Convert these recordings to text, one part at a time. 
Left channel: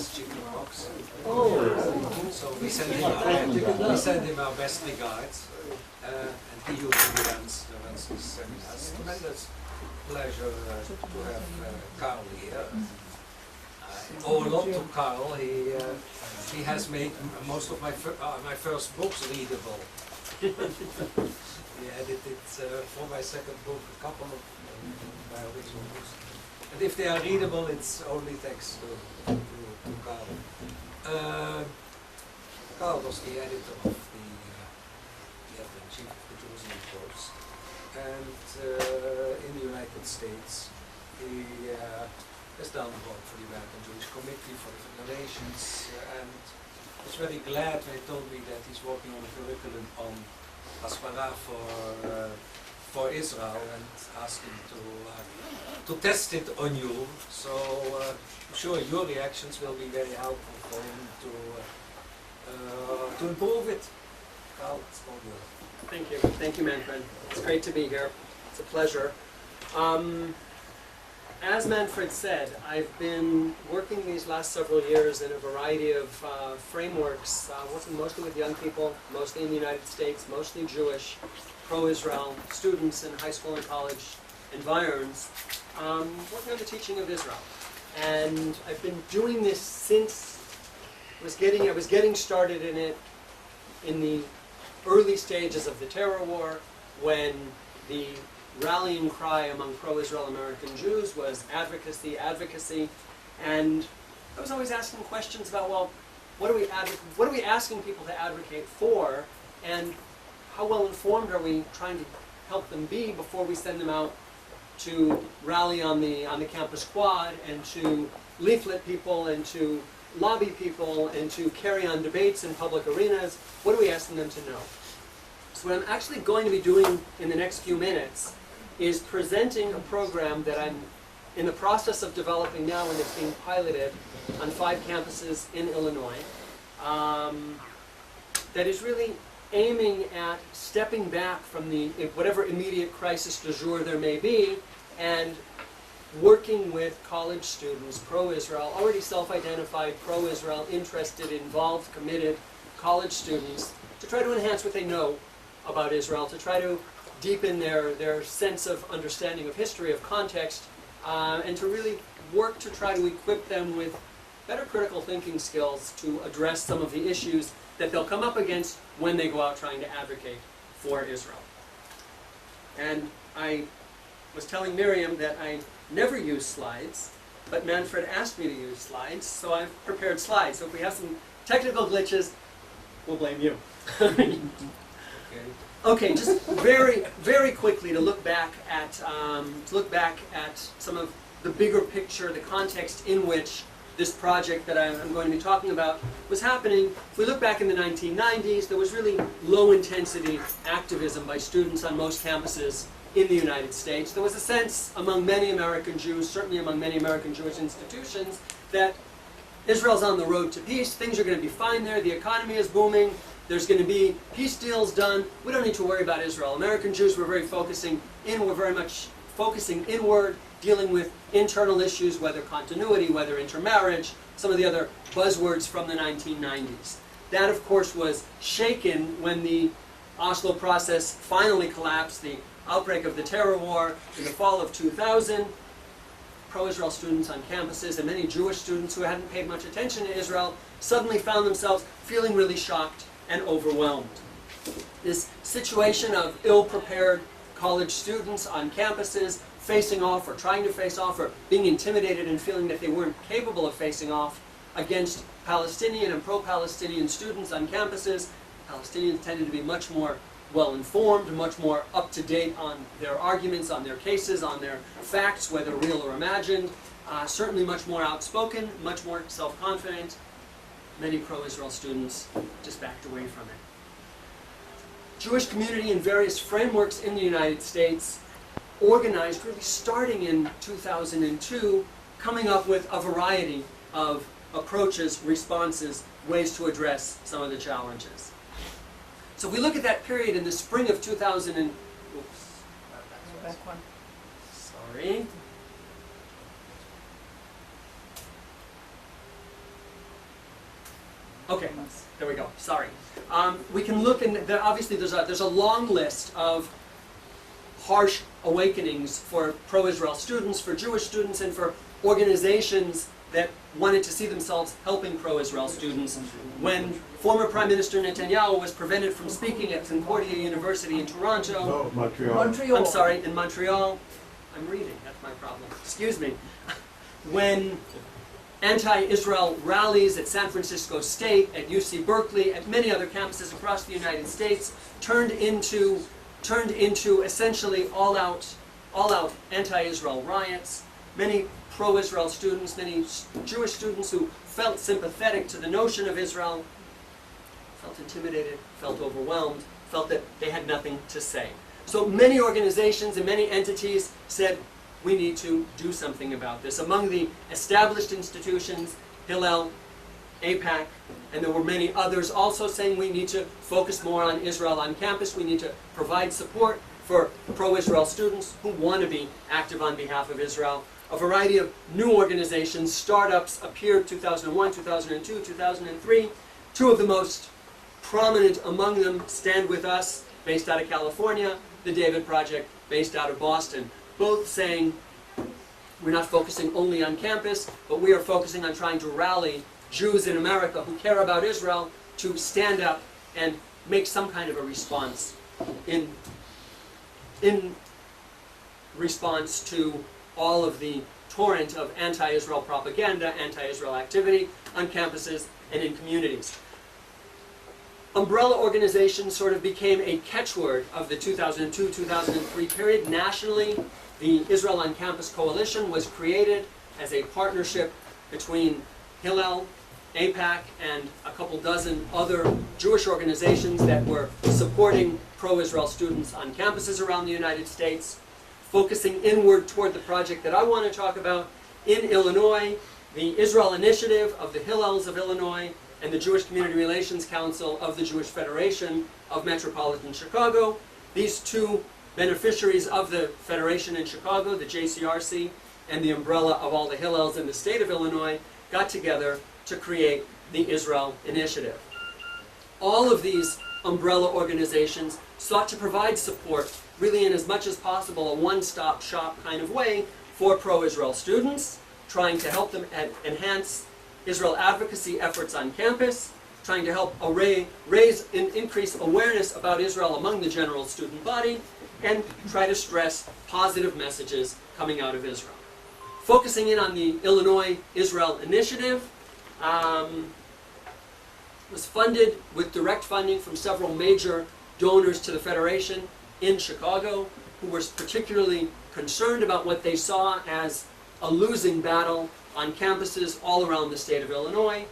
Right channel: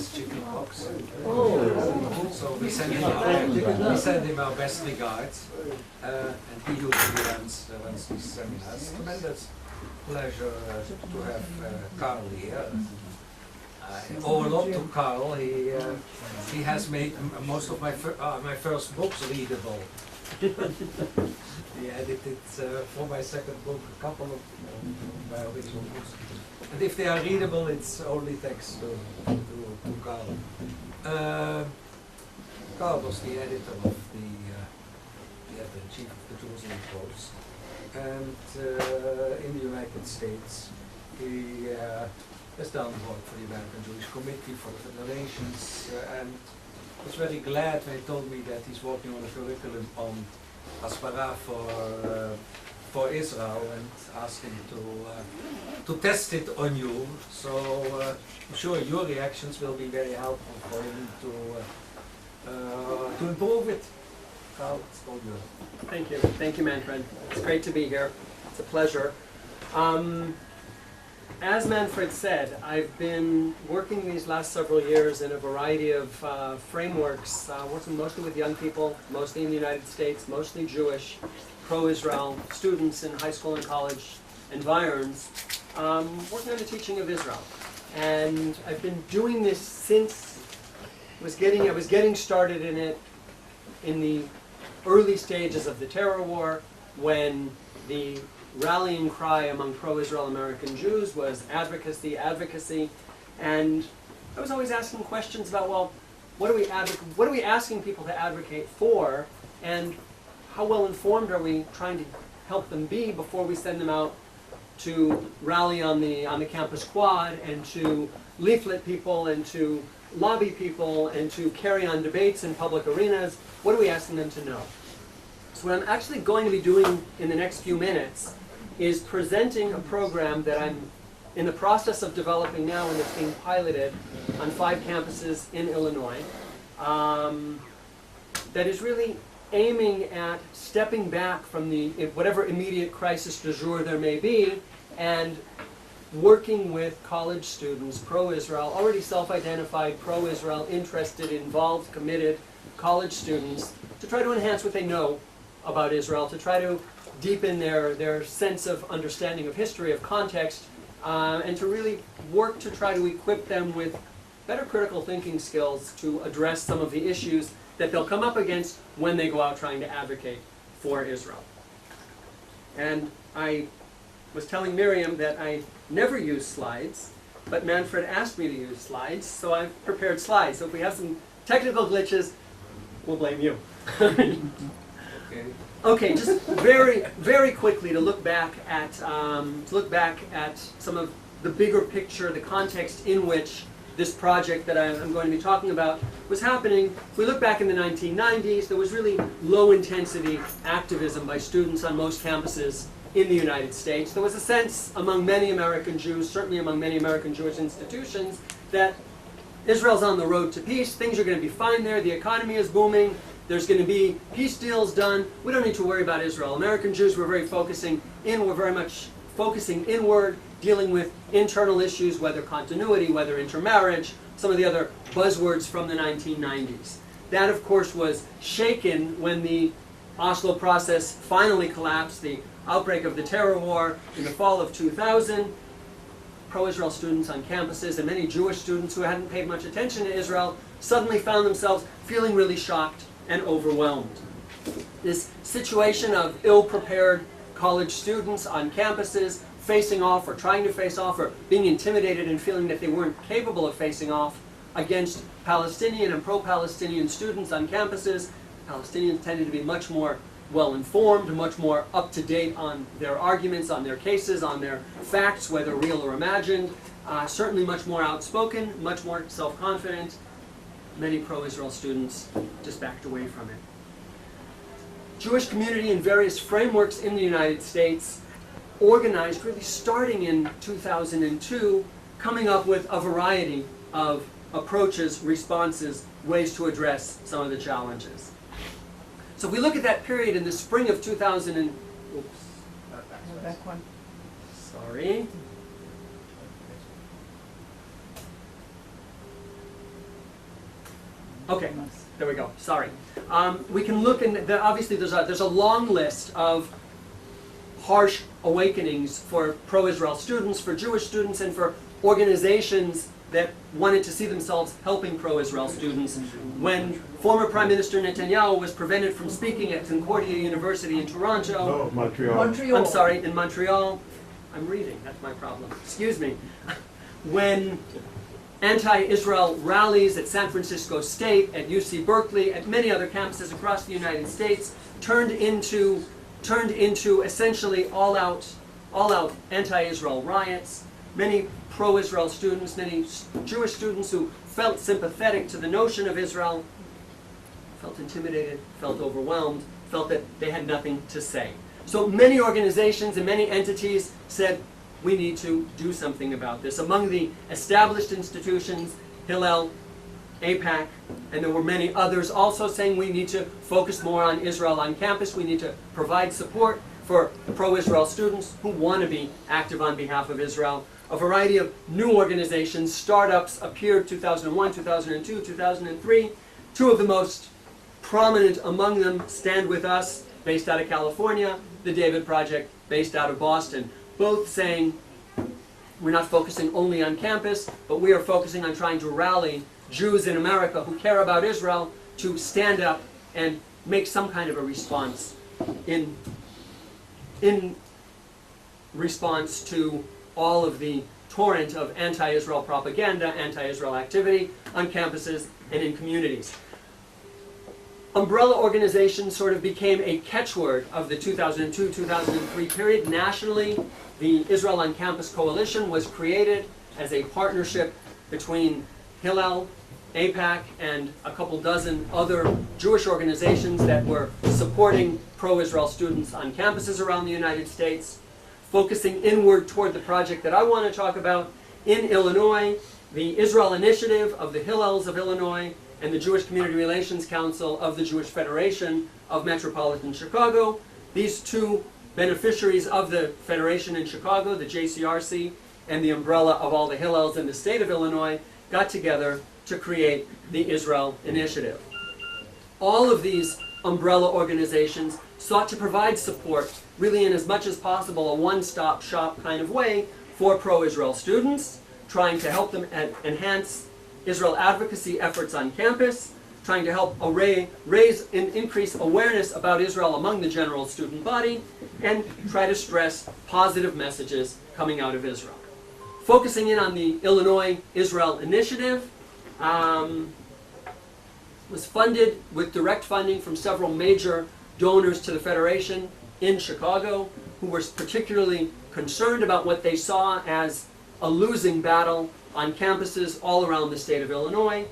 has chicken pox. Oh. So we send him our best regards, and he usually runs these seminars. Tremendous pleasure to have Carl here. I owe a lot to Carl. He has made most of my first books readable. He edited for my second book a couple of my original books. And if they are readable, it's only thanks to Carl. Carl was the editor of the editor-in-chief of the Jerusalem Post. And in the United States, he has done work for the American Jewish Committee, for the Federations, and I was very glad when he told me that he's working on a curriculum on Hasbara for Israel, and asked him to test it on you. So I'm sure your reactions will be very helpful for him to improve it. Carl, it's all yours. Thank you, Manfred. It's great to be here. It's a pleasure. As Manfred said, I've been working these last several years in a variety of frameworks, working mostly with young people, mostly in the United States, mostly Jewish, pro-Israel students in high school and college environs, working on the teaching of Israel. And I've been doing this since I was getting started in it in the early stages of the terror war, when the rallying cry among pro-Israel American Jews was advocacy, and I was always asking questions about, well, what are we asking people to advocate for, and how well informed are we trying to help them be before we send them out to rally on the campus quad, and to leaflet people, and to lobby people, and to carry on debates in public arenas? What are we asking them to know? So what I'm actually going to be doing in the next few minutes is presenting a program that I'm in the process of developing now, and it's being piloted on 5 campuses in Illinois, that is really aiming at stepping back from whatever immediate crisis du jour there may be, and working with college students, pro-Israel, already self-identified pro-Israel, interested, involved, committed college students, to try to enhance what they know about Israel, to try to deepen their sense of understanding of history, of context, and to really work to try to equip them with better critical thinking skills to address some of the issues that they'll come up against when they go out trying to advocate for Israel. And I was telling Miriam that I never use slides, but Manfred asked me to use slides, so I've prepared slides. So if we have some technical glitches, we'll blame you. Okay, just very, very quickly to look back at some of the bigger picture, the context in which this project that I'm going to be talking about was happening. If we look back in the 1990s, there was really low-intensity activism by students on most campuses in the United States. There was a sense among many American Jews, certainly among many American Jewish institutions, that Israel's on the road to peace, things are going to be fine there, the economy is booming, there's going to be peace deals done, we don't need to worry about Israel. American Jews were very much focusing inward, dealing with internal issues, whether continuity, whether intermarriage, some of the other buzzwords from the 1990s. That, of course, was shaken when the Oslo process finally collapsed, the outbreak of the terror war in the fall of 2000. Pro-Israel students on campuses and many Jewish students who hadn't paid much attention to Israel suddenly found themselves feeling really shocked and overwhelmed. This situation of ill-prepared college students on campuses facing off or trying to face off or being intimidated and feeling that they weren't capable of facing off against Palestinian and pro-Palestinian students on campuses. Palestinians tended to be much more well-informed, much more up-to-date on their arguments, on their cases, on their facts, whether real or imagined, certainly much more outspoken, much more self-confident. Many pro-Israel students just backed away from it. Jewish community in various frameworks in the United States organized, really starting in 2002, coming up with a variety of approaches, responses, ways to address some of the challenges. So if we look at that period in the spring of 2000 and... Oops. Back one. Sorry. Okay, there we go. Sorry. We can look, and obviously there's a long list of harsh awakenings for pro-Israel students, for Jewish students, and for organizations that wanted to see themselves helping pro-Israel students. When former Prime Minister Netanyahu was prevented from speaking at Concordia University in Toronto, Montreal. I'm sorry, in Montreal, I'm reading, that's my problem, excuse me. When anti-Israel rallies at San Francisco State, at UC Berkeley, at many other campuses across the United States turned into essentially all-out anti-Israel riots. Many pro-Israel students, many Jewish students who felt sympathetic to the notion of Israel, felt intimidated, felt overwhelmed, felt that they had nothing to say. So many organizations and many entities said, we need to do something about this. Among the established institutions, Hillel, AIPAC, and there were many others also saying we need to focus more on Israel on campus. We need to provide support for pro-Israel students who want to be active on behalf of Israel. A variety of new organizations, startups appeared 2001, 2002, 2003. Two of the most prominent among them, Stand With Us, based out of California, the David Project, based out of Boston. Both saying we're not focusing only on campus, but we are focusing on trying to rally Jews in America who care about Israel to stand up and make some kind of a response in response to all of the torrent of anti-Israel propaganda, anti-Israel activity on campuses and in communities. Umbrella organizations sort of became a catchword of the 2002-2003 period. Nationally, the Israel on Campus Coalition was created as a partnership between Hillel, AIPAC, and a couple dozen other Jewish organizations that were supporting pro-Israel students on campuses around the United States, focusing inward toward the project that I want to talk about. In Illinois, the Israel Initiative of the Hillels of Illinois and the Jewish Community Relations Council of the Jewish Federation of Metropolitan Chicago. These two beneficiaries of the Federation in Chicago, the JCRC, and the umbrella of all the Hillels in the state of Illinois, got together to create the Israel Initiative. All of these umbrella organizations sought to provide support, really in as much as possible, a one-stop shop kind of way for pro-Israel students, trying to help them enhance Israel advocacy efforts on campus, trying to help raise and increase awareness about Israel among the general student body, and try to stress positive messages coming out of Israel. Focusing in on the Illinois Israel Initiative, was funded with direct funding from several major donors to the Federation in Chicago, who were particularly concerned about what they saw as a losing battle on campuses all around the state of Illinois.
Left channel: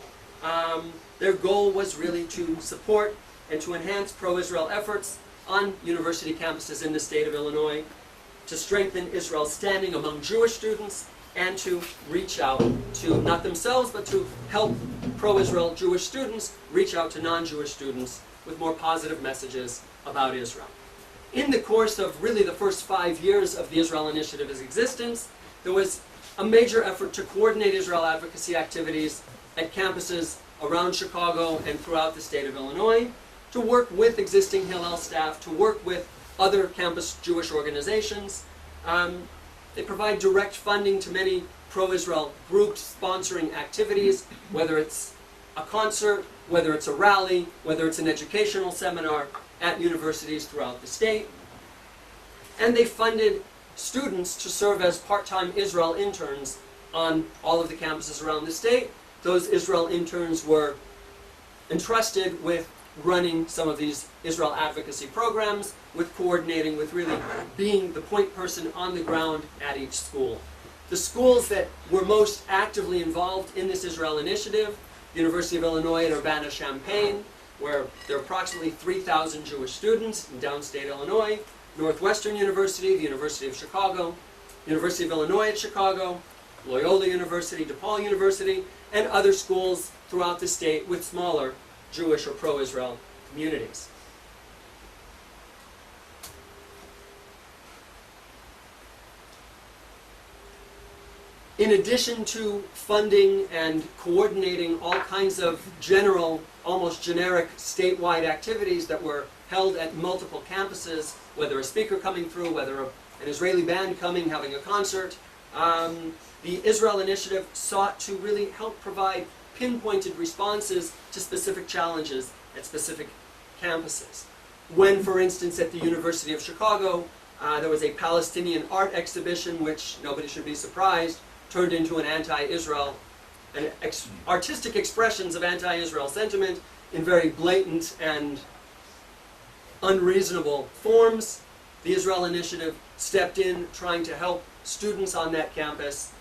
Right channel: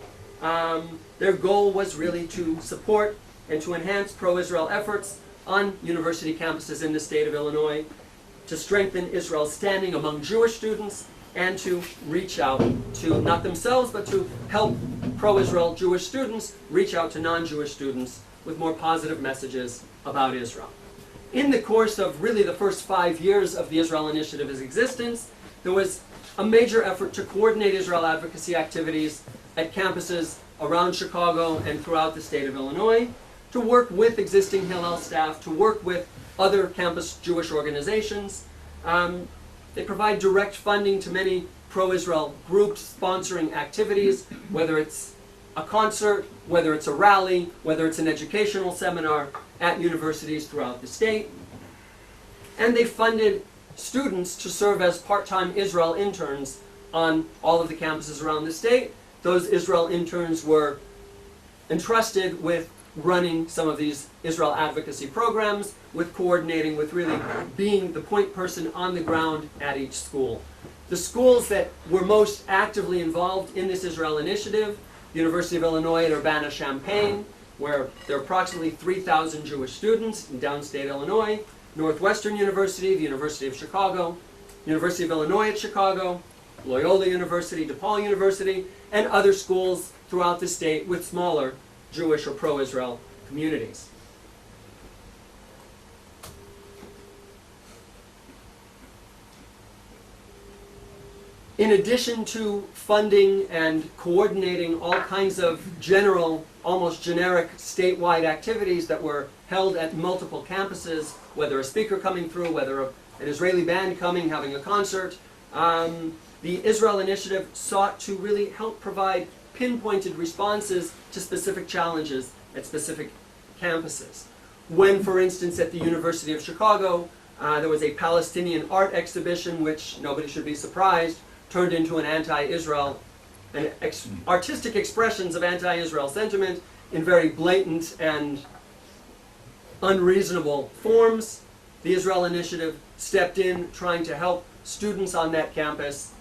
Their goal was really to support and to enhance pro-Israel efforts on university campuses in the state of Illinois, to strengthen Israel's standing among Jewish students, and to reach out to, not themselves, but to help pro-Israel Jewish students reach out to non-Jewish students with more positive messages about Israel. In the course of really the first 5 years of the Israel Initiative's existence, there was a major effort to coordinate Israel advocacy activities at campuses around Chicago and throughout the state of Illinois, to work with existing Hillel staff, to work with other campus Jewish organizations. They provide direct funding to many pro-Israel groups sponsoring activities, whether it's a concert, whether it's a rally, whether it's an educational seminar at universities throughout the state. And they funded students to serve as part-time Israel interns on all of the campuses around the state. Those Israel interns were entrusted with running some of these Israel advocacy programs, with coordinating, with really being the point person on the ground at each school. The schools that were most actively involved in this Israel Initiative, the University of Illinois at Urbana-Champaign, where there are approximately 3,000 Jewish students in downstate Illinois, Northwestern University, the University of Chicago, University of Illinois at Chicago, Loyola University, DePaul University, and other schools throughout the state with smaller Jewish or pro-Israel communities. In addition to funding and coordinating all kinds of general, almost generic statewide activities that were held at multiple campuses, whether a speaker coming through, whether an Israeli band coming, having a concert, the Israel Initiative sought to really help provide pinpointed responses to specific challenges at specific campuses. When, for instance, at the University of Chicago, there was a Palestinian art exhibition, which nobody should be surprised, turned into an anti-Israel, artistic expressions of anti-Israel sentiment in very blatant and unreasonable forms. The Israel Initiative stepped in, trying to help students on that campus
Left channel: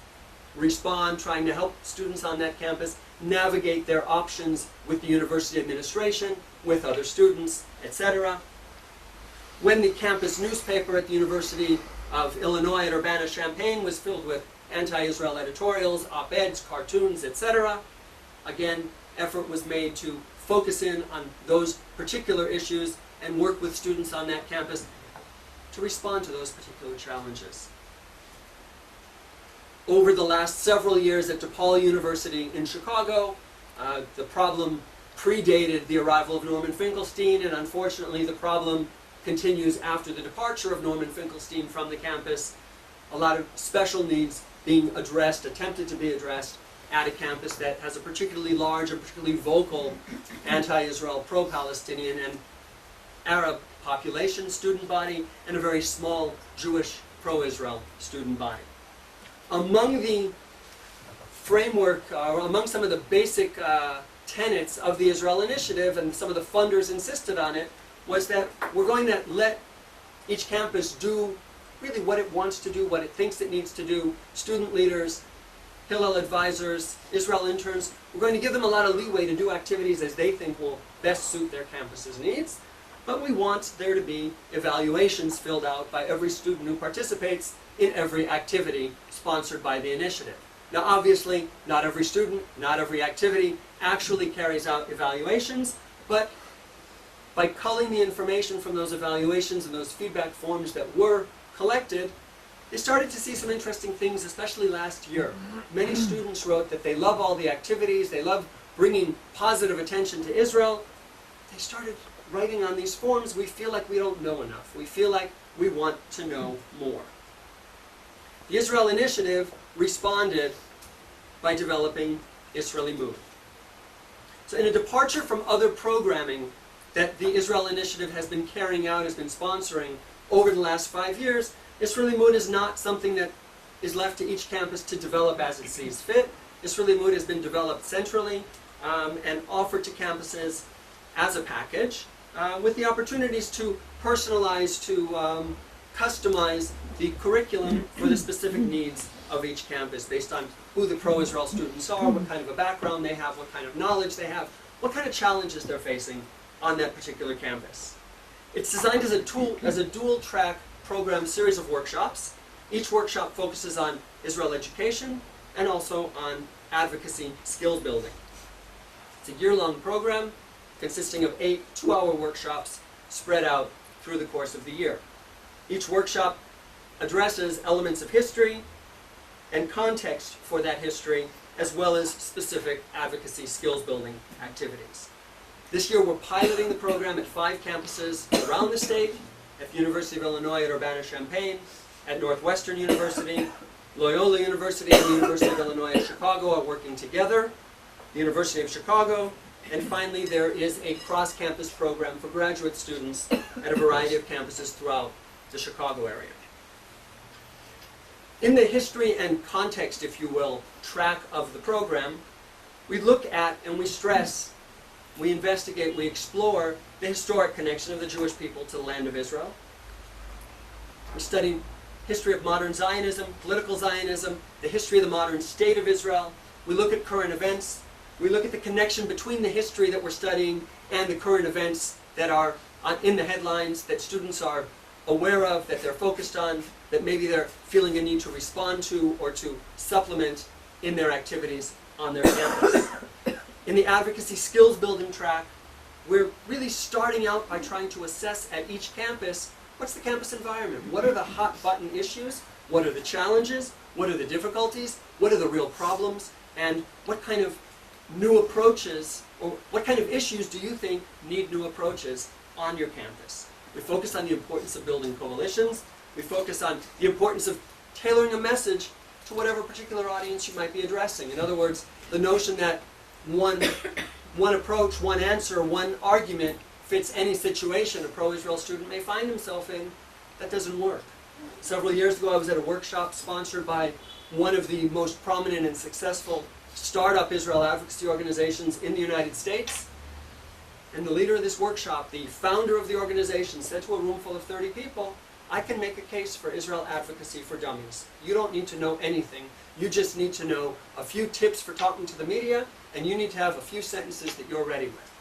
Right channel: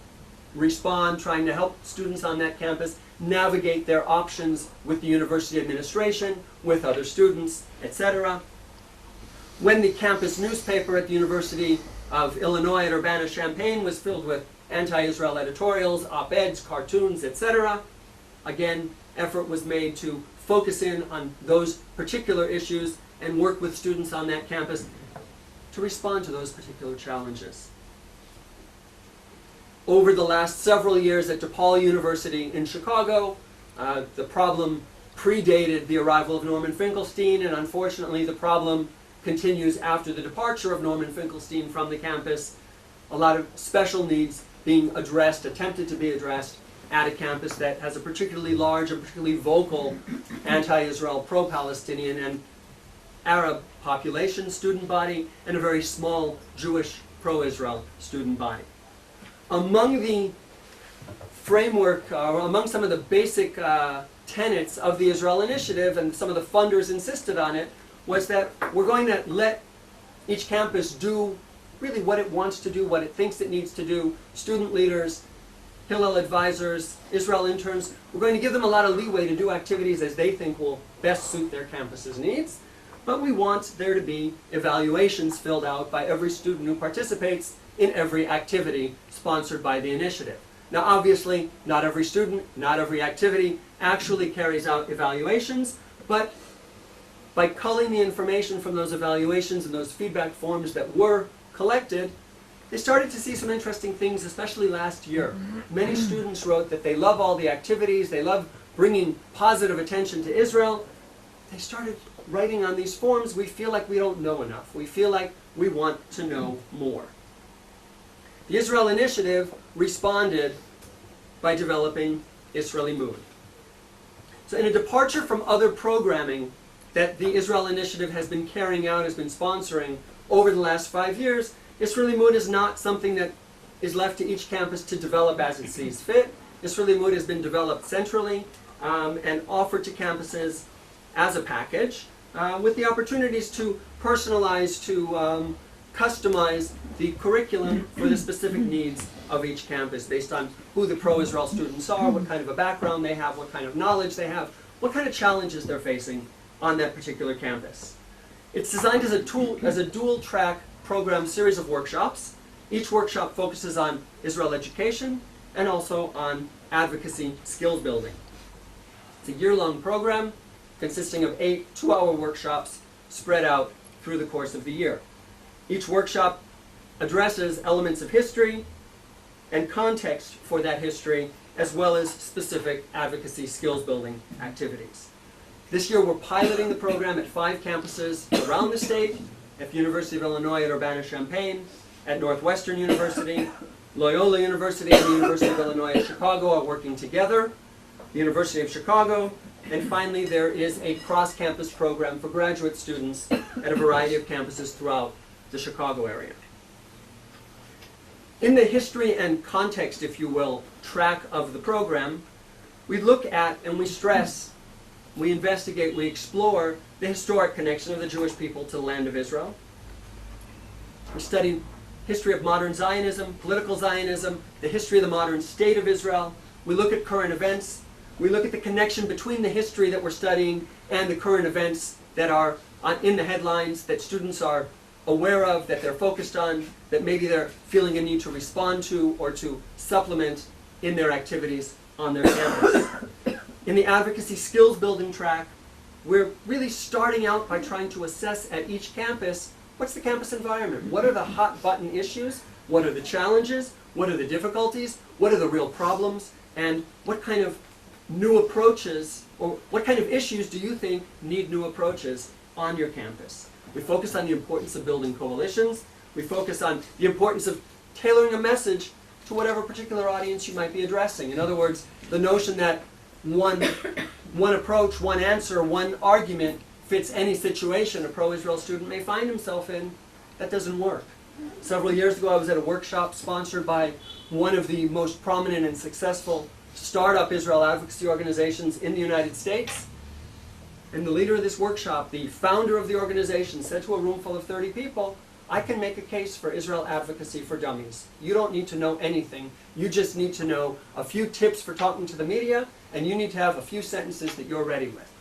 respond, trying to help students on that campus navigate their options with the university administration, with other students, etc. When the campus newspaper at the University of Illinois at Urbana-Champaign was filled with anti-Israel editorials, op-eds, cartoons, etc., again, effort was made to focus in on those particular issues and work with students on that campus to respond to those particular challenges. Over the last several years at DePaul University in Chicago, the problem predated the arrival of Norman Finkelstein, and unfortunately the problem continues after the departure of Norman Finkelstein from the campus. A lot of special needs being addressed, attempted to be addressed, at a campus that has a particularly large and particularly vocal anti-Israel, pro-Palestinian, and Arab population student body, and a very small Jewish pro-Israel student body. Among the framework, or among some of the basic tenets of the Israel Initiative, and some of the funders insisted on it, was that we're going to let each campus do really what it wants to do, what it thinks it needs to do. Student leaders, Hillel advisors, Israel interns, we're going to give them a lot of leeway to do activities as they think will best suit their campus's needs. But we want there to be evaluations filled out by every student who participates in every activity sponsored by the initiative. Now obviously, not every student, not every activity actually carries out evaluations, but by culling the information from those evaluations and those feedback forms that were collected, they started to see some interesting things, especially last year. Many students wrote that they love all the activities, they love bringing positive attention to Israel. They started writing on these forms, we feel like we don't know enough. We feel like we want to know more. The Israel Initiative responded by developing Israeli Mood. So in a departure from other programming that the Israel Initiative has been carrying out, has been sponsoring over the last 5 years, Israeli Mood is not something that is left to each campus to develop as it sees fit. Israeli Mood has been developed centrally and offered to campuses as a package with the opportunities to personalize, to customize the curriculum for the specific needs of each campus based on who the pro-Israel students are, what kind of a background they have, what kind of knowledge they have, what kind of challenges they're facing on that particular campus. It's designed as a dual-track program series of workshops. Each workshop focuses on Israel education and also on advocacy skills building. It's a year-long program consisting of 8 two-hour workshops spread out through the course of the year. Each workshop addresses elements of history and context for that history, as well as specific advocacy skills building activities. This year we're piloting the program at 5 campuses around the state, at the University of Illinois at Urbana-Champaign, at Northwestern University, Loyola University and the University of Illinois at Chicago are working together, the University of Chicago, and finally there is a cross-campus program for graduate students at a variety of campuses throughout the Chicago area. In the history and context, if you will, track of the program, we look at and we stress, we investigate, we explore the historic connection of the Jewish people to the land of Israel. We study history of modern Zionism, political Zionism, the history of the modern state of Israel. We look at current events. We look at the connection between the history that we're studying and the current events that are in the headlines that students are aware of, that they're focused on, that maybe they're feeling a need to respond to or to supplement in their activities on their campus. In the advocacy skills building track, we're really starting out by trying to assess at each campus, what's the campus environment? What are the hot button issues? What are the challenges? What are the difficulties? what are the real problems, and what kind of new approaches, or what kind of issues do you think need new approaches on your campus? We focus on the importance of building coalitions. We focus on the importance of tailoring a message to whatever particular audience you might be addressing. In other words, the notion that one approach, one answer, one argument fits any situation a pro-Israel student may find himself in, that doesn't work. Several years ago, I was at a workshop sponsored by one of the most prominent and successful startup Israel advocacy organizations in the United States. And the leader of this workshop, the founder of the organization, said to a room full of 30 people, I can make a case for Israel advocacy for dummies. You don't need to know anything. You just need to know a few tips for talking to the media, and you need to have a few sentences that you're ready with.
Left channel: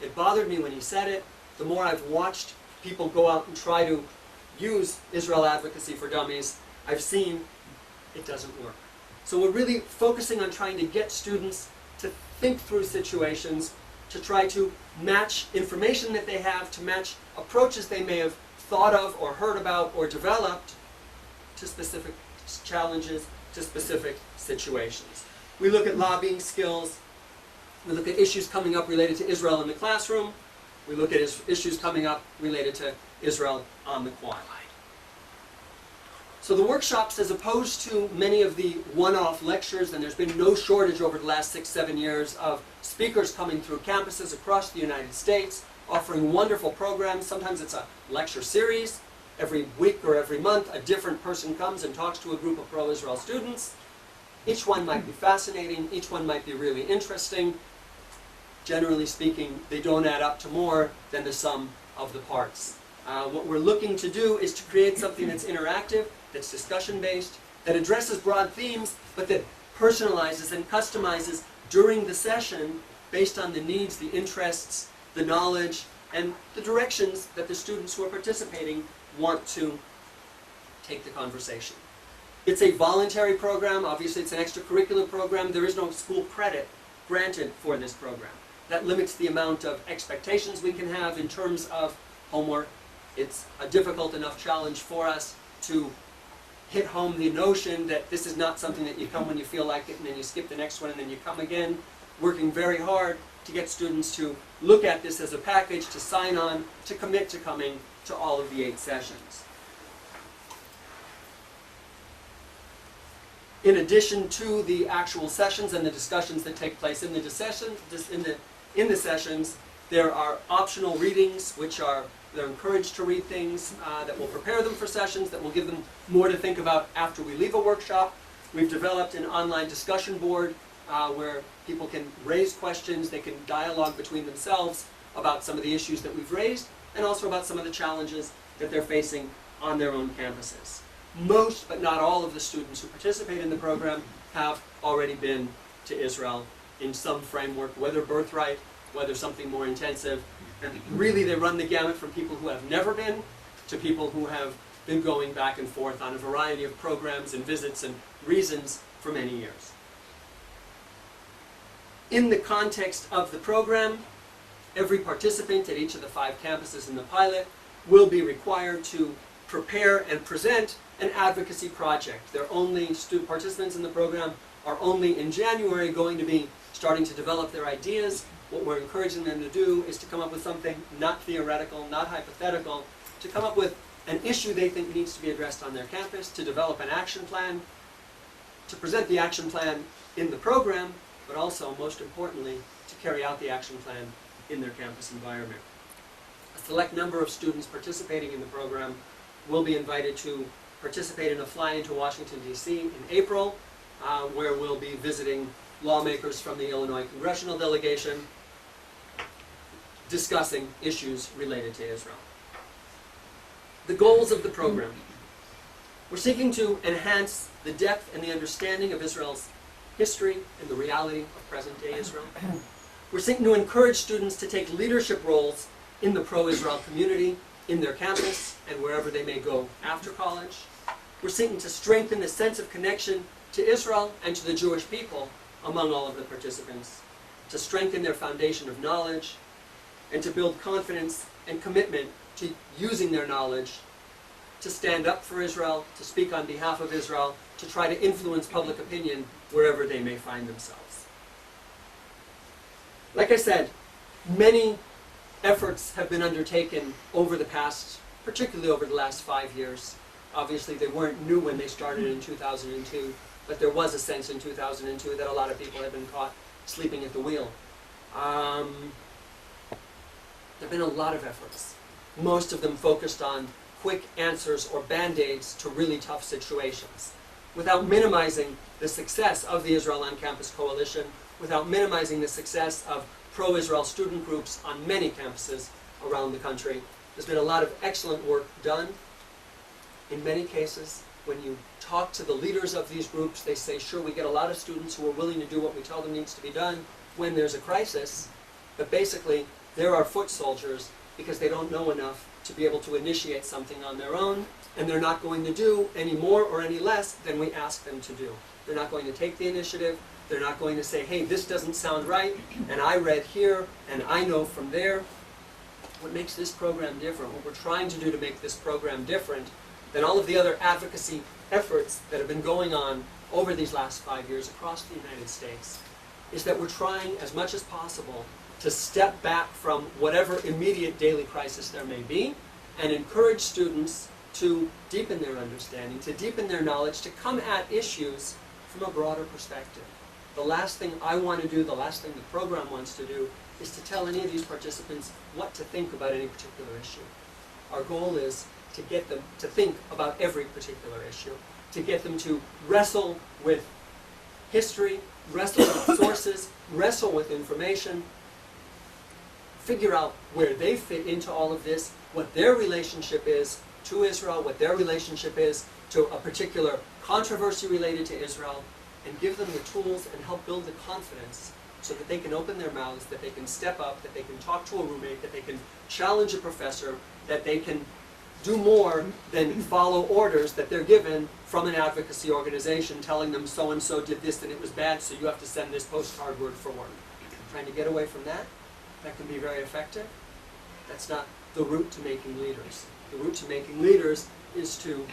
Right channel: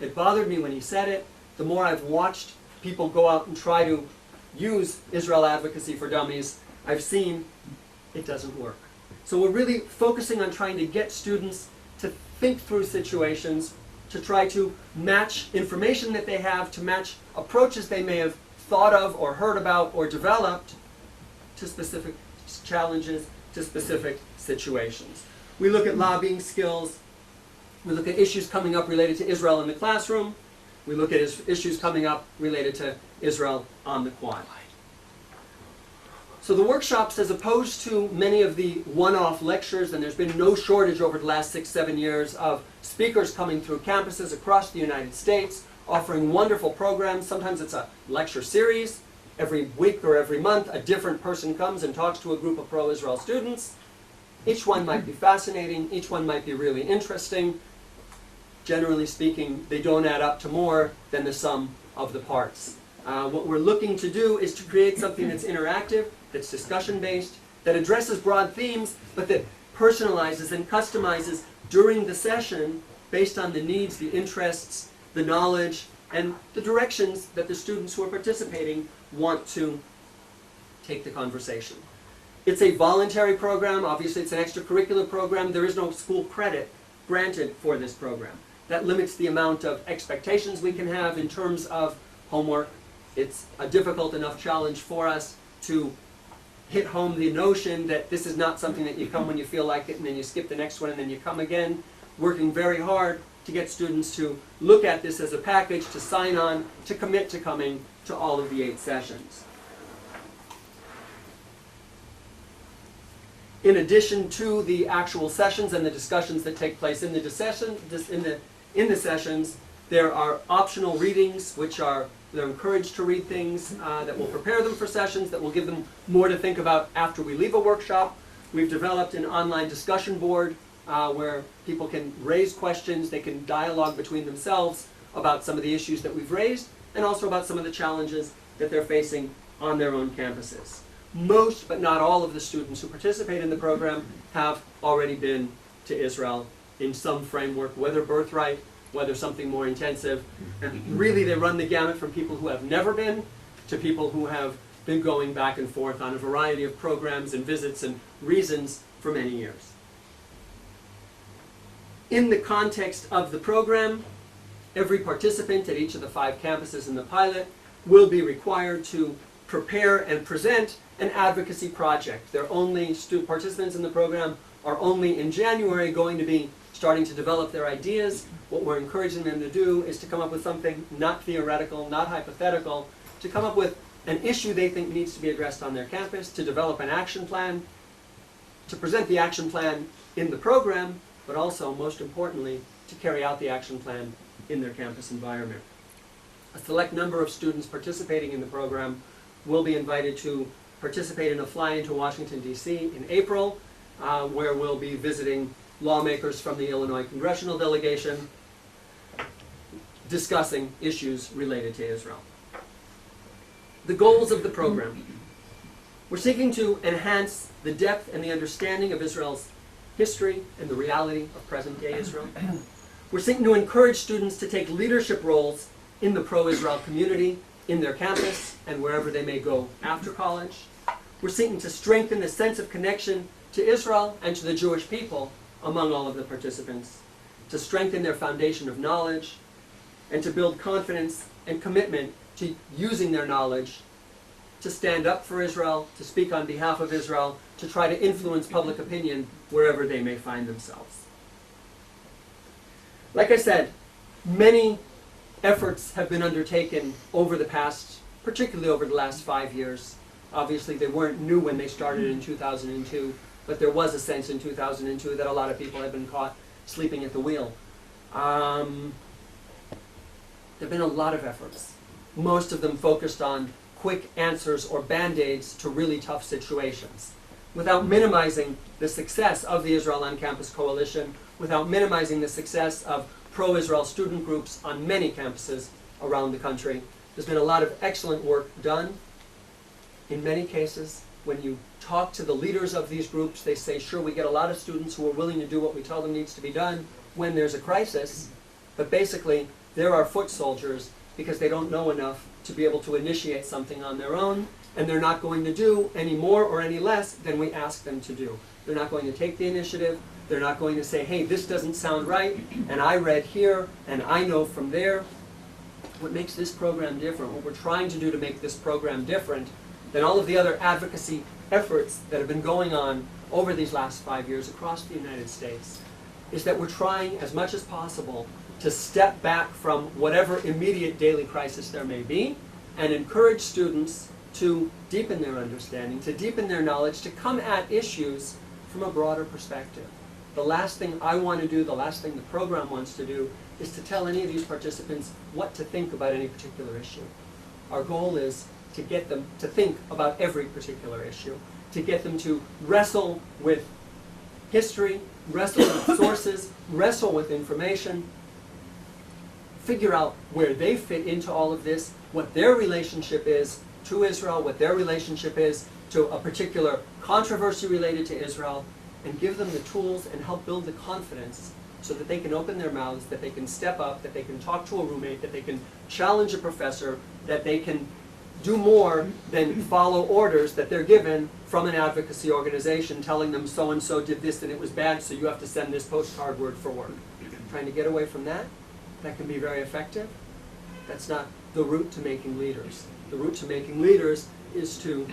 It bothered me when he said it. The more I've watched people go out and try to use Israel advocacy for dummies, I've seen it doesn't work. So we're really focusing on trying to get students to think through situations, to try to match information that they have, to match approaches they may have thought of or heard about or developed to specific challenges, to specific situations. We look at lobbying skills. We look at issues coming up related to Israel in the classroom. We look at issues coming up related to Israel on the Quad. So the workshops, as opposed to many of the one-off lectures, and there's been no shortage over the last 6-7 years of speakers coming through campuses across the United States, offering wonderful programs. Sometimes it's a lecture series. Every week or every month, a different person comes and talks to a group of pro-Israel students. Each one might be fascinating. Each one might be really interesting. Generally speaking, they don't add up to more than the sum of the parts. What we're looking to do is to create something that's interactive, that's discussion-based, that addresses broad themes, but that personalizes and customizes during the session based on the needs, the interests, the knowledge, and the directions that the students who are participating want to take the conversation. It's a voluntary program. Obviously, it's an extracurricular program. There is no school credit granted for this program. That limits the amount of expectations we can have in terms of homework. It's a difficult enough challenge for us to hit home the notion that this is not something that you come when you feel like it and then you skip the next one and then you come again. Working very hard to get students to look at this as a package, to sign on, to commit to coming to all of the 8 sessions. In addition to the actual sessions and the discussions that take place in the sessions, there are optional readings, which they're encouraged to read things that will prepare them for sessions, that will give them more to think about after we leave a workshop. We've developed an online discussion board where people can raise questions, they can dialogue between themselves about some of the issues that we've raised, and also about some of the challenges that they're facing on their own campuses. Most, but not all, of the students who participate in the program have already been to Israel in some framework, whether birthright, whether something more intensive. And really they run the gamut from people who have never been to people who have been going back and forth on a variety of programs and visits and reasons for many years. In the context of the program, every participant at each of the 5 campuses in the pilot will be required to prepare and present an advocacy project. Participants in the program are only in January going to be starting to develop their ideas. What we're encouraging them to do is to come up with something not theoretical, not hypothetical, to come up with an issue they think needs to be addressed on their campus, to develop an action plan, to present the action plan in the program, but also, most importantly, to carry out the action plan in their campus environment. A select number of students participating in the program will be invited to participate in a fly-in to Washington, D.C. in April, where we'll be visiting lawmakers from the Illinois congressional delegation, discussing issues related to Israel. The goals of the program. We're seeking to enhance the depth and the understanding of Israel's history and the reality of present-day Israel. We're seeking to encourage students to take leadership roles in the pro-Israel community, in their campus, and wherever they may go after college. We're seeking to strengthen the sense of connection to Israel and to the Jewish people among all of the participants, to strengthen their foundation of knowledge, and to build confidence and commitment to using their knowledge to stand up for Israel, to speak on behalf of Israel, to try to influence public opinion wherever they may find themselves. Like I said, many efforts have been undertaken over the past, particularly over the last 5 years. Obviously, they weren't new when they started in 2002, but there was a sense in 2002 that a lot of people had been caught sleeping at the wheel. There have been a lot of efforts, most of them focused on quick answers or band-aids to really tough situations, without minimizing the success of the Israel on Campus Coalition, without minimizing the success of pro-Israel student groups on many campuses around the country. There's been a lot of excellent work done. In many cases, when you talk to the leaders of these groups, they say, sure, we get a lot of students who are willing to do what we tell them needs to be done when there's a crisis, but basically, they're our foot soldiers because they don't know enough to be able to initiate something on their own, and they're not going to do any more or any less than we ask them to do. They're not going to take the initiative. They're not going to say, hey, this doesn't sound right, and I read here, and I know from there. What makes this program different, what we're trying to do to make this program different than all of the other advocacy efforts that have been going on over these last 5 years across the United States, is that we're trying as much as possible to step back from whatever immediate daily crisis there may be and encourage students to deepen their understanding, to deepen their knowledge, to come at issues from a broader perspective. The last thing I want to do, the last thing the program wants to do, is to tell any of these participants what to think about any particular issue. Our goal is to get them to think about every particular issue, to get them to wrestle with history, wrestle with sources, wrestle with information, figure out where they fit into all of this, what their relationship is to Israel, what their relationship is to a particular controversy related to Israel, and give them the tools and help build the confidence so that they can open their mouths, that they can step up, that they can talk to a roommate, that they can challenge a professor, that they can do more than follow orders that they're given from an advocacy organization telling them so-and-so did this and it was bad, so you have to send this postcard word for word. Trying to get away from that, that can be very effective. That's not the route to making leaders. The route to making leaders is to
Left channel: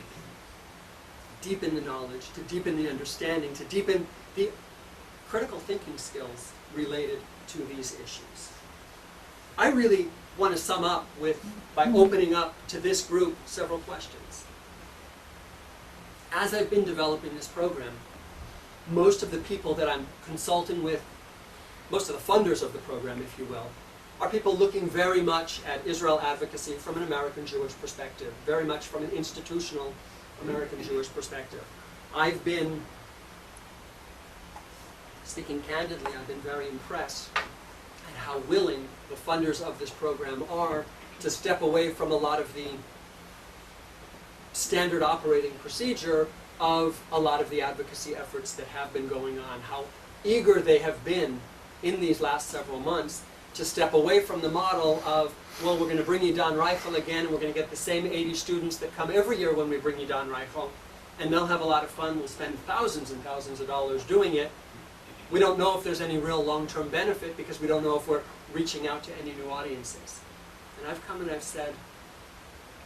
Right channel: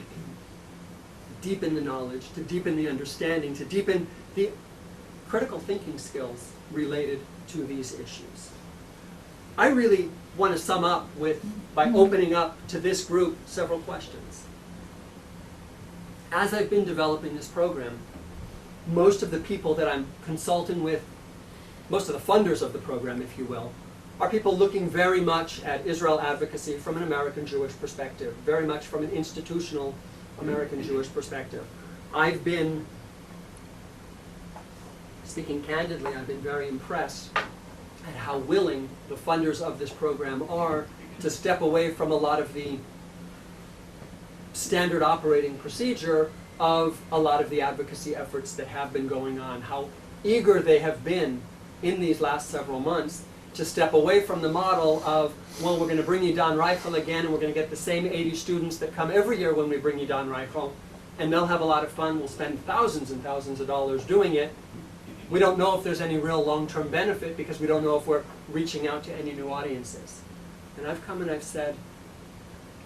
deepen the knowledge, to deepen the understanding, to deepen the critical thinking skills related to these issues. I really want to sum up by opening up to this group several questions. As I've been developing this program, most of the people that I'm consulting with, most of the funders of the program, if you will, are people looking very much at Israel advocacy from an American Jewish perspective, very much from an institutional American Jewish perspective. I've been, speaking candidly, I've been very impressed at how willing the funders of this program are to step away from a lot of the standard operating procedure of a lot of the advocacy efforts that have been going on, how eager they have been in these last several months to step away from the model of, well, we're going to bring you Don Reichel again, and we're going to get the same 80 students that come every year when we bring you Don Reichel, and they'll have a lot of fun, we'll spend thousands and thousands of dollars doing it. We don't know if there's any real long-term benefit because we don't know if we're reaching out to any new audiences. And I've come and I've said,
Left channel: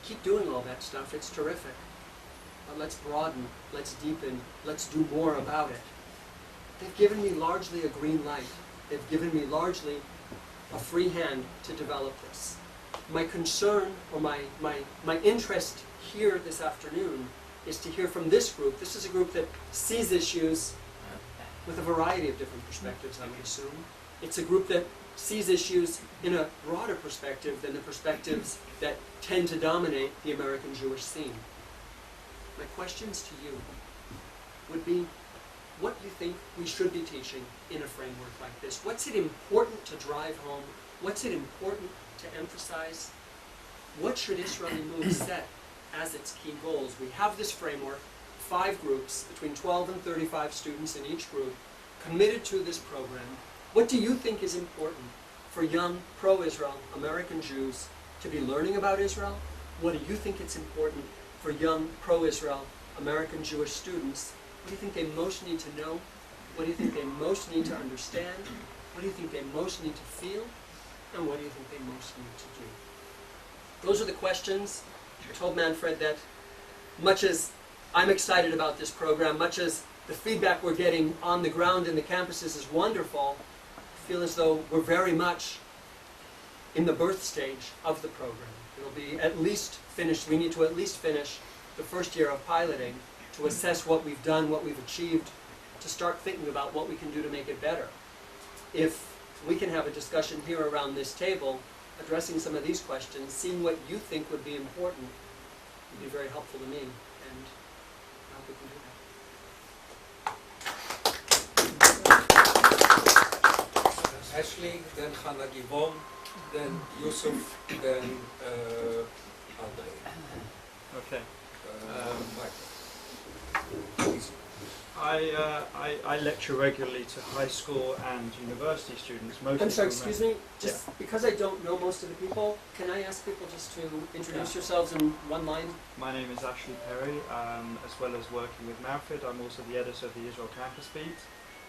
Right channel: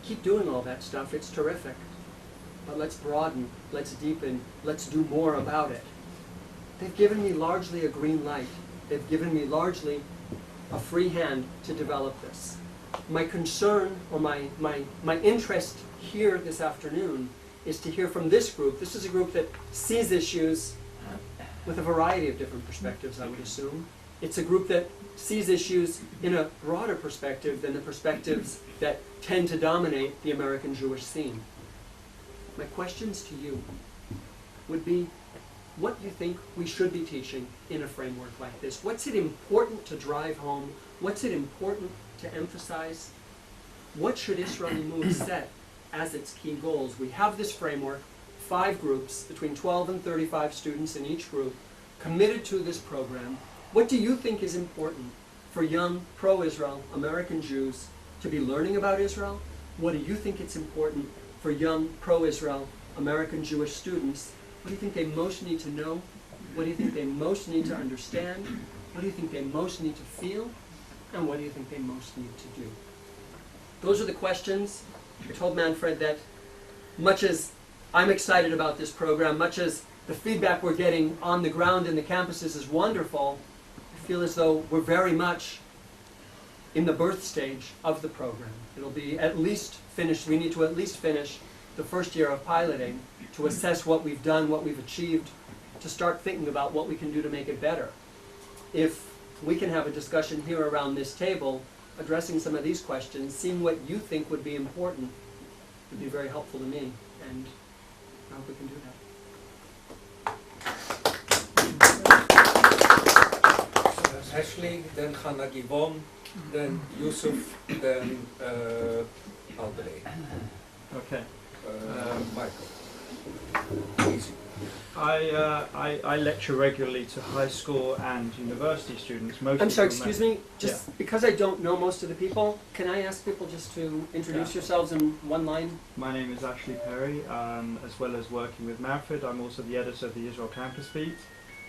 keep doing all that stuff, it's terrific. But let's broaden, let's deepen, let's do more about it. They've given me largely a green light. They've given me largely a free hand to develop this. My concern or my interest here this afternoon is to hear from this group. This is a group that sees issues with a variety of different perspectives, I would assume. It's a group that sees issues in a broader perspective than the perspectives that tend to dominate the American Jewish scene. My questions to you would be, what do you think we should be teaching in a framework like this? What's it important to drive home? What's it important to emphasize? What should Israeli Move set as its key goals? We have this framework, 5 groups, between 12 and 35 students in each group, committed to this program. What do you think is important for young pro-Israel American Jews to be learning about Israel? What do you think it's important for young pro-Israel American Jewish students? What do you think they most need to know? What do you think they most need to understand? What do you think they most need to feel? And what do you think they most need to do? Those are the questions. I told Manfred that much as I'm excited about this program, much as the feedback we're getting on the ground in the campuses is wonderful, I feel as though we're very much in the birth stage of the program. It'll be at least finished. We need to at least finish the first year of piloting to assess what we've done, what we've achieved, to start thinking about what we can do to make it better. If we can have a discussion here around this table, addressing some of these questions, seeing what you think would be important, would be very helpful to me, and I hope we can do that. Ashley, then Hannah Givon, then Yusuf, then Andre. Okay. Michael. Easy. I lecture regularly to high school and university students. Mostly I'm sorry, from excuse me, just because I don't know most of the people, can I ask people just to introduce yourselves in one line? My name is Ashley Perry, as well as working with Manfred. I'm also the editor of the Israel Campus Beat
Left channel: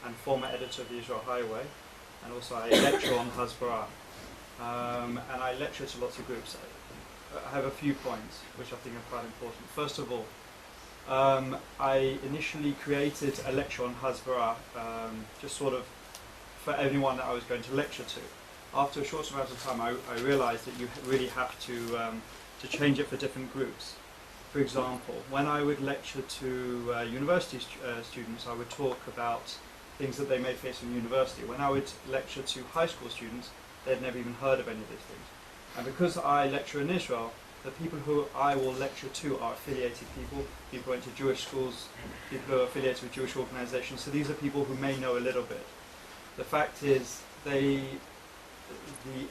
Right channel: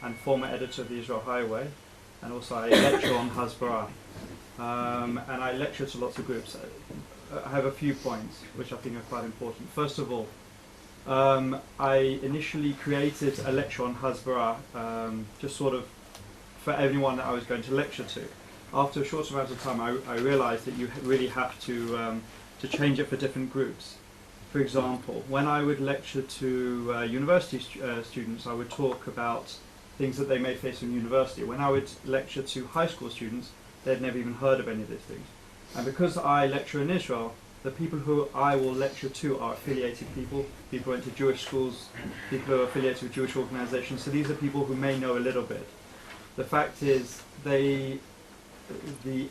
and former editor of the Israel Highway, and also I lecture on Hasbara. And I lecture to lots of groups. I have a few points which I think are quite important. First of all, I initially created a lecture on Hasbara, just sort of for anyone that I was going to lecture to. After a short amount of time, I realized that you really have to change it for different groups. For example, when I would lecture to university students, I would talk about things that they may face in university. When I would lecture to high school students, they'd never even heard of any of these things. And because I lecture in Israel, the people who I will lecture to are affiliated people, people who went to Jewish schools, people who are affiliated with Jewish organizations. So these are people who may know a little bit. The fact is, the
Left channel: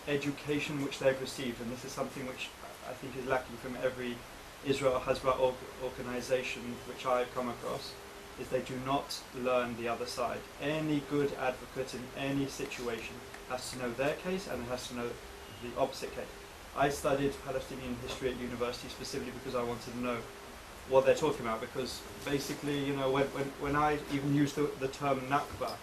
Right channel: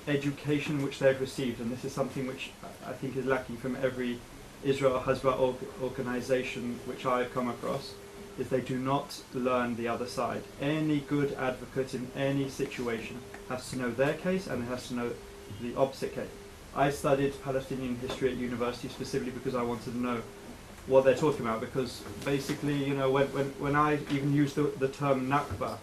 education which they've received, and this is something which I think is lacking from every Israel Hasbara organization which I've come across, is they do not learn the other side. Any good advocate in any situation has to know their case and has to know the opposite case. I studied Palestinian history at university specifically because I wanted to know what they're talking about, because basically, you know, when I even used the term Nakba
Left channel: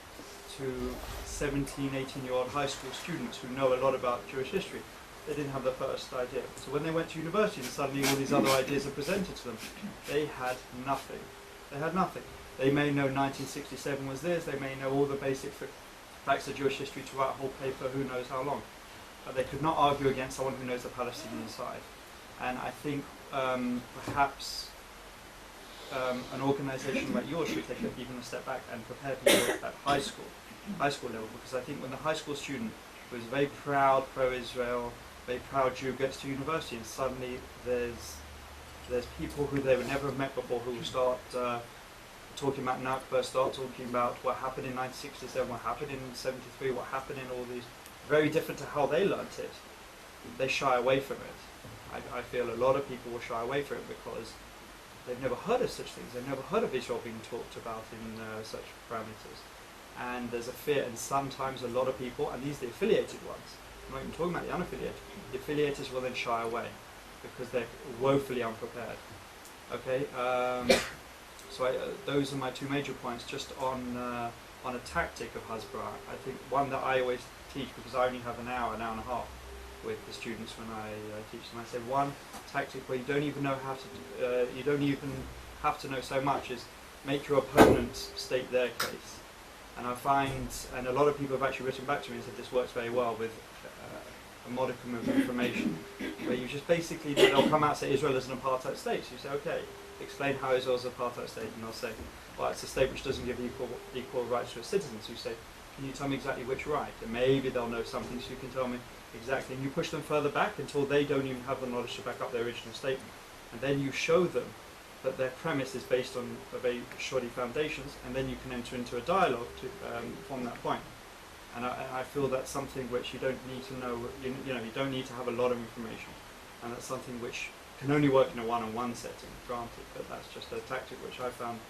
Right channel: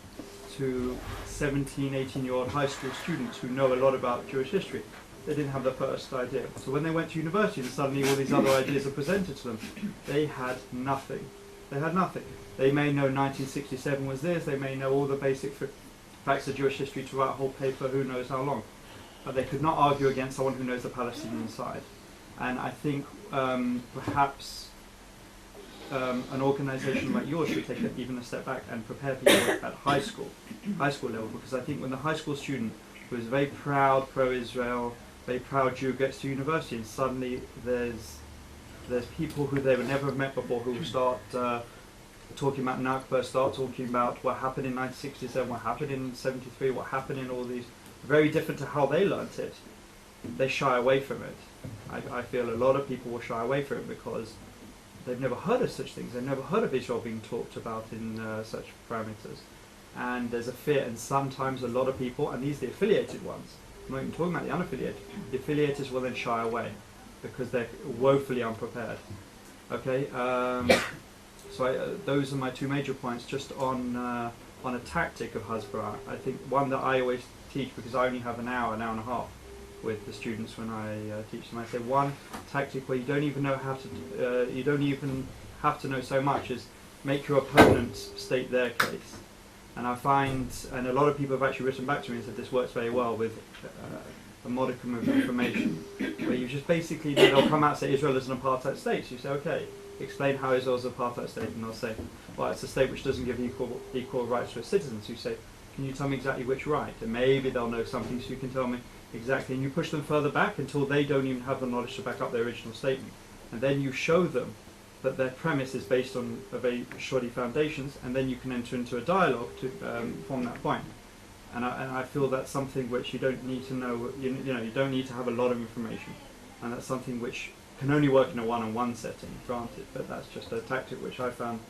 to 17, 18-year-old high school students who know a lot about Jewish history, they didn't have the first idea. So when they went to university and suddenly all these other ideas are presented to them, they had nothing. They had nothing. They may know 1967 was this, they may know all the basic facts of Jewish history to write a whole paper, who knows how long. But they could not argue against someone who knows the Palestinian side. And I think perhaps an organisation like yours should take even a step back and prepare people at high school level, because I think when the high school student who is very proud pro-Israel, very proud Jew gets to university, and suddenly there's people who they would never have met before who will start talking about Nakba, start talking about what happened in 1967, what happened in 73, what happened in all these, very different to how they learnt it. They shy away from it. I feel a lot of people will shy away from it because they've never heard of such things. They've never heard of Israel being talked about in such parameters. And there's a fear, and sometimes a lot of people, and these are the affiliated ones, I'm not even talking about the unaffiliated, the affiliators will then shy away because they're woefully unprepared. Okay, so those are my two major points. Just on a tactic of Hasbara, I think one that I always teach, because I only have an hour and a half with the students when I teach them. I say one tactic where you don't even know how to, you don't even have to know so much, is make your opponent state their case. And I find, and a lot of people have actually written back to me and said this works very well with a modicum of information, where you just basically, they'll come out and say Israel is an apartheid state. So you say, okay, explain how Israel is an apartheid state, and they'll say, well, it's a state which doesn't give equal rights to its citizens. So you say, can you tell me exactly which right? And maybe they'll know something, so you can tell me exactly. And you push them further back until they don't even have the knowledge to back up their original statement. And then you show them that their premise is based on very shoddy foundations, and then you can enter into a dialogue to from that point. And I feel that's something which you don't need to know. You know, you don't need to have a lot of information, and that's something which can only work in a one-on-one setting, granted. But that's just a tactic which I found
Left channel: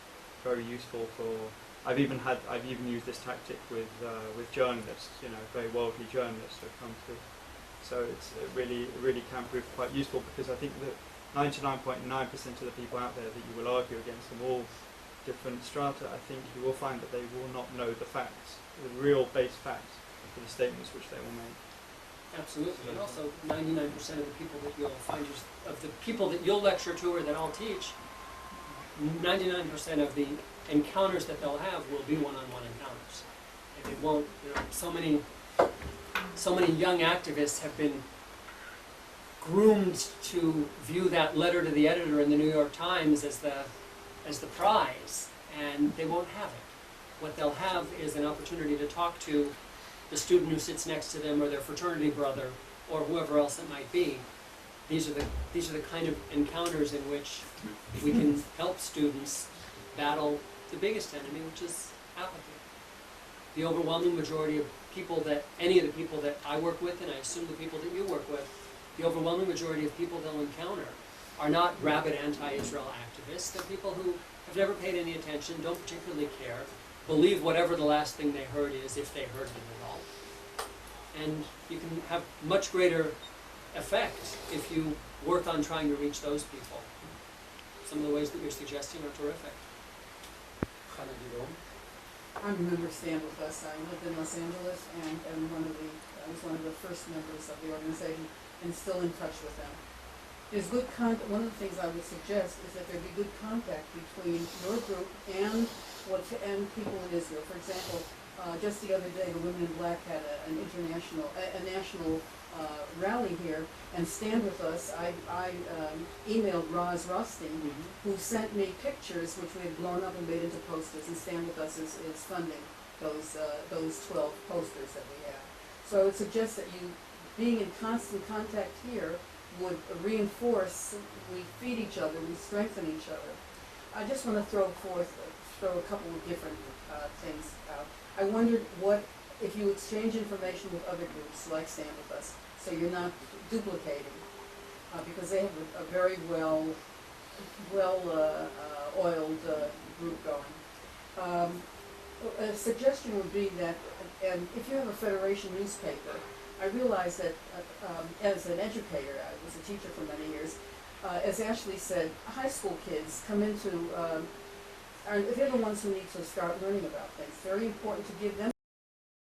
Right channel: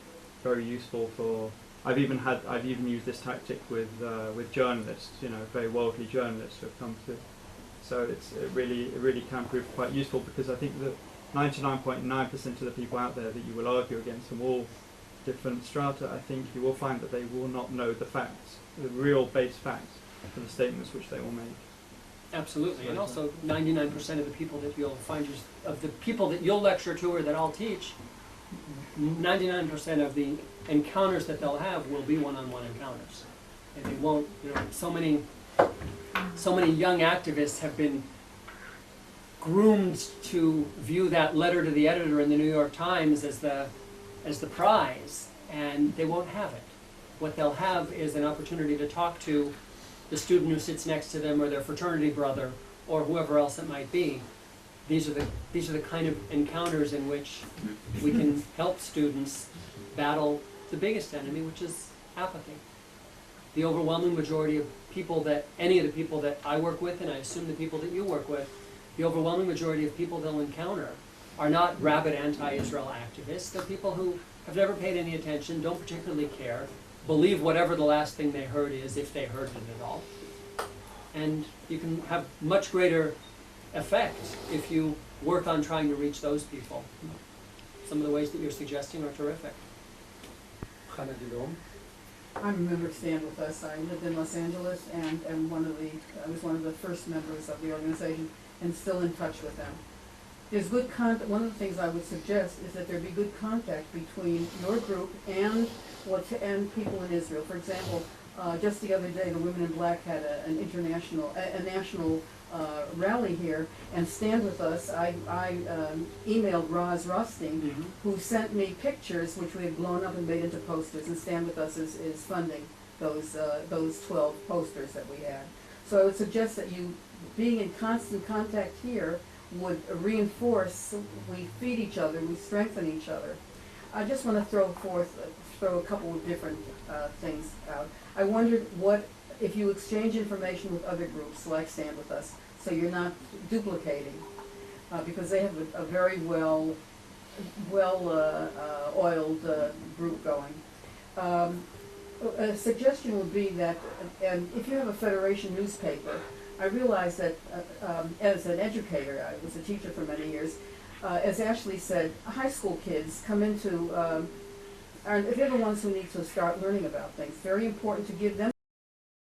very useful for. I've even used this tactic with journalists, you know, very worldly journalists who have come through. So it really can prove quite useful, because I think that 99.9% of the people out there that you will argue against from all different strata, I think you will find that they will not know the facts, the real base facts for the statements which they will make. Absolutely, so, and also 99% of the people that you'll find, of the people that you'll lecture to or that I'll teach, 99% of the encounters that they'll have will be one-on-one encounters. And they won't, so many young activists have been groomed to view that letter to the editor in the New York Times as the prize, and they won't have it. What they'll have is an opportunity to talk to the student who sits next to them, or their fraternity brother, or whoever else it might be. These are the kind of encounters in which we can help students battle the biggest enemy, which is apathy. The overwhelming majority of people any of the people that I work with, and I assume the people that you work with, the overwhelming majority of people they'll encounter are not rabid anti-Israel activists. They're people who have never paid any attention, don't particularly care, believe whatever the last thing they heard is, if they heard it at all. And you can have much greater effect if you work on trying to reach those people. Some of the ways that you're suggesting are terrific. Hannah Dudom. I remember Stand With Us. I lived in Los Angeles and I was one of the first members of the organization and still in touch with them. There's good one of the things I would suggest is that there be good contact between your group and people in Israel. For example, just the other day, the Women in Black had a national rally here, and Stand With Us. I emailed Roz Rothstein, who sent me pictures which we had blown up and made into posters. And Stand With Us is funding those 12 posters that we had. So I would suggest that you, being in constant contact here, would reinforce. We feed each other, we strengthen each other. I just want to throw a couple of different things out. I wondered what if you exchange information with other groups like Stand With Us, so you're not duplicating, because they have a very oiled group going. A suggestion would be that, and if you have a Federation newspaper, I realize that as an educator, I was a teacher for many years, as Ashley said, high school kids come into, they're the ones who need to start learning about things. Very important to give them